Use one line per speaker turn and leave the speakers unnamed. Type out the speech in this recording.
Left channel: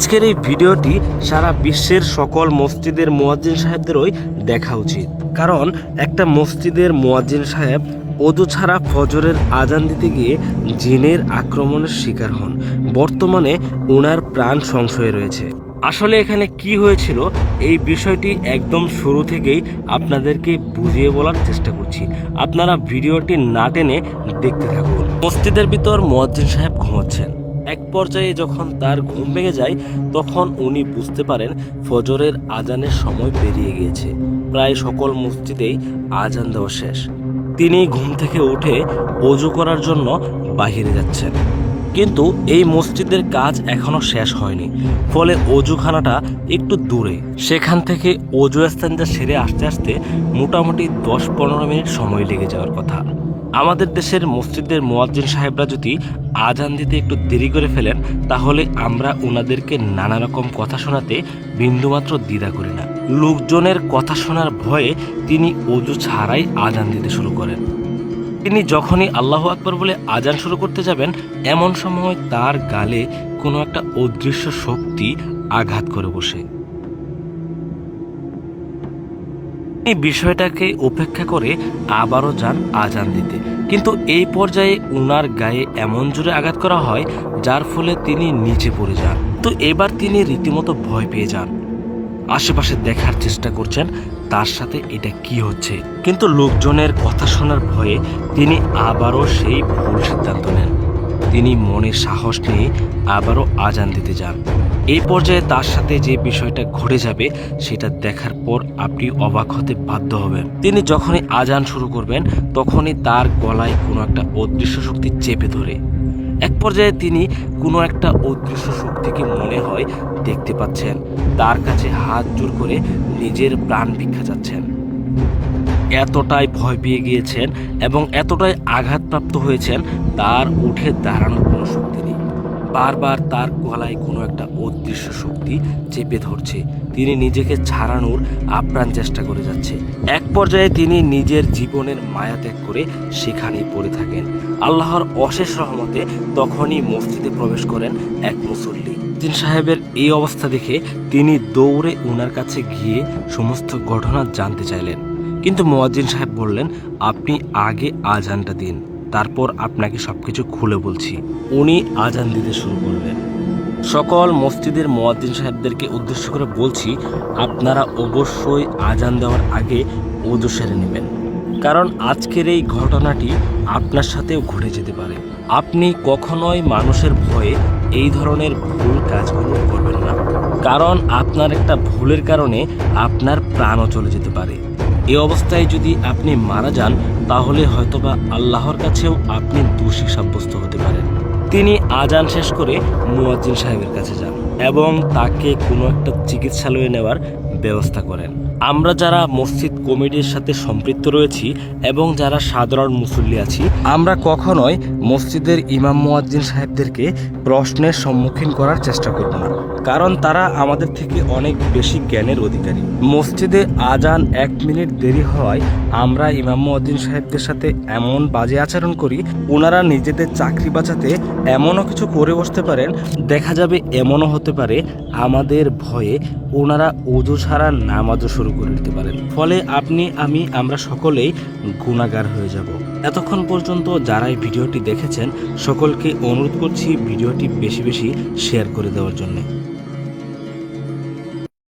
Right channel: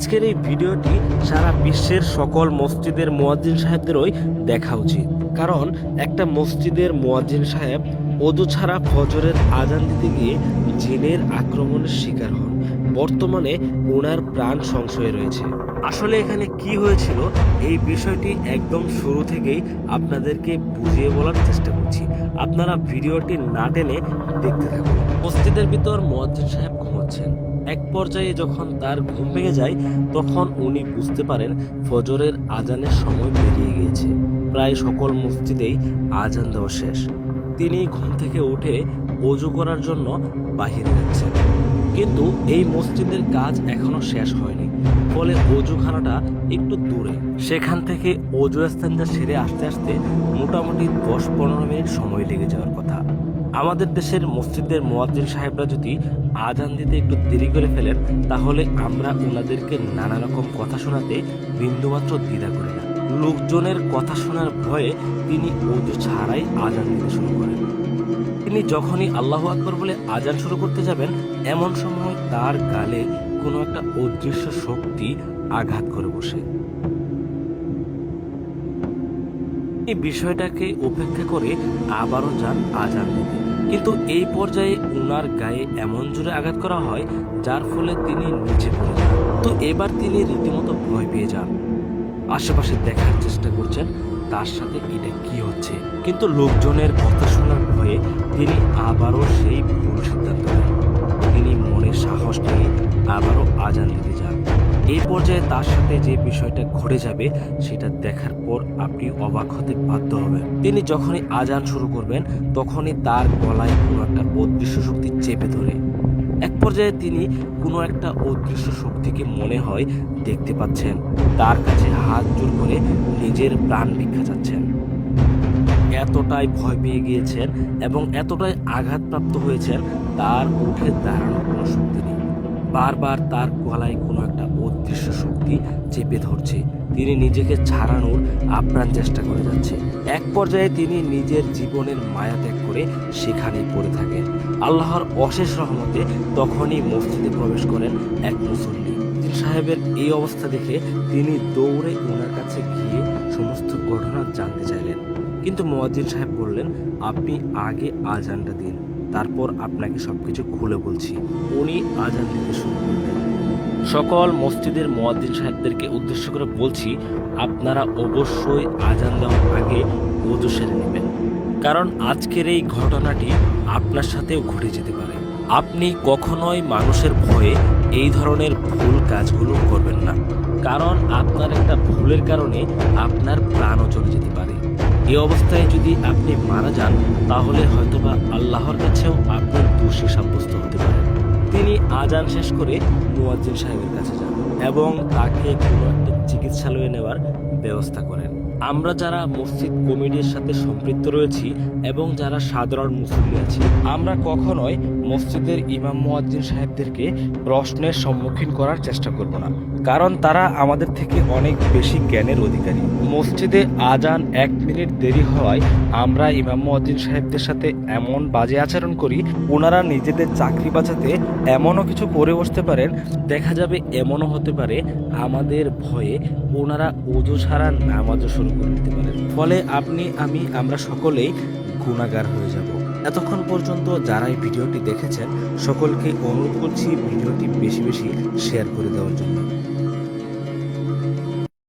আজকের এই ভিডিওটি সারা বিশ্বের সকল মসজিদের মোয়াজ্জিন সাহেবদেরই দেখা উচিত। কারণ একটা মসজিদের মোয়াজ্জিন সাহেব অজু ছাড়া ফজরের আজান দিতে গিয়ে জিনের আক্রমণের শিকার হন। বর্তমানে ওনার প্রাণ সংশয়ে রয়েছে। আসলে এখানে কি হয়েছিল, এই বিষয়টি একদম শুরু থেকেই আপনাদেরকে বুঝিয়ে বলার চেষ্টা করছি। আপনারা ভিডিওটি না টেনে দেখতে থাকুন। মসজিদের ভিতর মোয়াজ্জিন সাহেব ঘুমোচ্ছেন। এক পর্যায়ে যখন তার ঘুম ভেঙে যায়, তখন উনি বুঝতে পারেন ফজরের আজানের সময় পেরিয়ে গিয়েছে। প্রায় সকল মসজিদেই আজান দেওয়া শেষ। তিনি ঘুম থেকে উঠে অজু করার জন্য বাহিরে যাচ্ছেন। কিন্তু এই মসজিদের কাজ এখনও শেষ হয়নি। ফলে অজুখানাটা একটু দূরে। সেখান থেকে অজু স্থানটা সেরে আসতে আসতে মোটামুটি দশ পনেরো মিনিট সময় লেগে যাওয়ার কথা। আমাদের দেশের মসজিদের মোয়াজ্জিন সাহেবরা যদি আজান দিতে একটু দেরি করে ফেলেন, তাহলে আমরা ওনাদেরকে নানা রকম কথা শোনাতে বিন্দুমাত্র দ্বিধা করি না। লোকজনের কথা শোনার ভয়ে তিনি অজু ছাড়াই আজান দিতে শুরু করেন। তিনি যখনই আল্লাহ আকবর বলে আজান শুরু করতে যাবেন, এমন সময় তার গালে কোনো একটা অদৃশ্য শক্তি আঘাত করে বসে। তিনি বিষয়টাকে উপেক্ষা করে আবারও যান আজান দিতে। কিন্তু এই পর্যায়ে উনার গায়ে এমন জোরে আঘাত করা হয়, যার ফলে তিনি নিচে পড়ে যান। তো এবার তিনি রীতিমতো ভয় পেয়ে যান। আশেপাশে দেখার চেষ্টা করছেন, তার সাথে এটা কি হচ্ছে। কিন্তু লোকজনের কথা শোনার ভয়ে তিনি আবারও সেই ভুল সিদ্ধান্ত নেন। তিনি মনে সাহস নিয়ে আবারও আজান দিতে যান। এই পর্যায়ে তার সাথে যে বিষয়টা ঘটে যাবে, সেটা দেখার পর আপনি অবাক হতে বাধ্য হবেন। তিনি যখনই আজান শুরু করবেন, তখনই তার গলায় কোনো একটা অদৃশ্য শক্তি চেপে ধরে। এক পর্যায়ে তিনি কোনো একটা অদৃশ্য শক্তিকে মনে হয় দেখতে পাচ্ছেন। তার কাছে হাত জোর করে নিজের প্রাণ ভিক্ষা যাচ্ছেন এতটাই ভয় পেয়ে গিয়েছেন এবং এতটাই আঘাতপ্রাপ্ত হয়েছেন, তার উঠে দাঁড়ানোর কোনো শক্তি নেই। বারবার তার গলায় কোনো একটা অদৃশ্য শক্তি চেপে ধরছে। তিনি নিজেকে ছাড়ানোর আপ্রাণ চেষ্টা করে যাচ্ছে। এক পর্যায়ে তিনি নিজের জীবনের মায়া ত্যাগ করে সেখানেই পড়ে থাকেন। আল্লাহর অশেষ রহমতে তখনই মসজিদে প্রবেশ করেন এক মুসল্লি। দিন সাহেবের এই অবস্থা দেখে তিনি দৌড়ে ওনার কাছে গিয়ে সমস্ত ঘটনা জানতে চাইলেন। কিন্তু মোয়াজ্জিন সাহেব বললেন, আপনি আগে আজানটা দিন, তারপর আপনাকে সবকিছু খুলে বলছি। উনি আজান দিতে শুরু করলেন। সকল মসজিদের মোয়াজ্জিন সাহেবদেরকে উদ্দেশ্য করে বলছি, আপনারা অবশ্যই আজান দেওয়ার আগে ওজু সেরে নেবেন। কারণ আজকের এই ঘটনাটি আপনার সাথেও ঘটে যেতে পারে। আপনি কখনোই মানুষের ভয়ে এই ধরনের ভুল কাজগুলো করবেন না। কারণ আপনার একটা ভুলের কারণে আপনার প্রাণও চলে যেতে পারে। এই অবস্থায় যদি আপনি মারা যান, তাহলে হয়তোবা আল্লাহর কাছেও আপনি দোষী সাব্যস্ত হতে পারেন। তিনি আজান শেষ করে মুয়াজ্জিন সাহেবের কাছে যান এবং তাকে কোনো একটা চিকিৎসালয়ে নেওয়ার ব্যবস্থা করেন। আমরা যারা মসজিদ কমিটির সাথে সম্পৃক্ত রয়েছি এবং যারা সাধারণ মুসল্লি আছি, আমরা কখনোই মসজিদের ইমাম মুয়াজ্জিন সাহেবদেরকে প্রশ্নের সম্মুখীন করার চেষ্টা করব না। কারণ তারা আমাদের থেকে অনেক বেশি জ্ঞানের অধিকারী। মসজিদে আজান এক মিনিট দেরি হওয়ায় আমরা ইমাম মুয়াজ্জিন সাহেবদের সাথে এমন বাজে আচরণ করি ওনারা নিজেদের চাকরি বাঁচাতে এমনও কিছু করে বসতে পারেন, দেখা যাবে এমনও হতে পারে আমাদের ভয়ে ওনারা ওজো ছাড়া নামাজও শুরু করে দিতে পারেন। ফলে আপনি, আমি, আমরা সকলেই গুণাগার হয়ে যাব। এতক্ষণ পর্যন্ত যারা এই ভিডিওটি দেখেছেন, সকলকে অনুরোধ করছি ভিডিওটি বেশি বেশি শেয়ার করে দেওয়ার জন্য।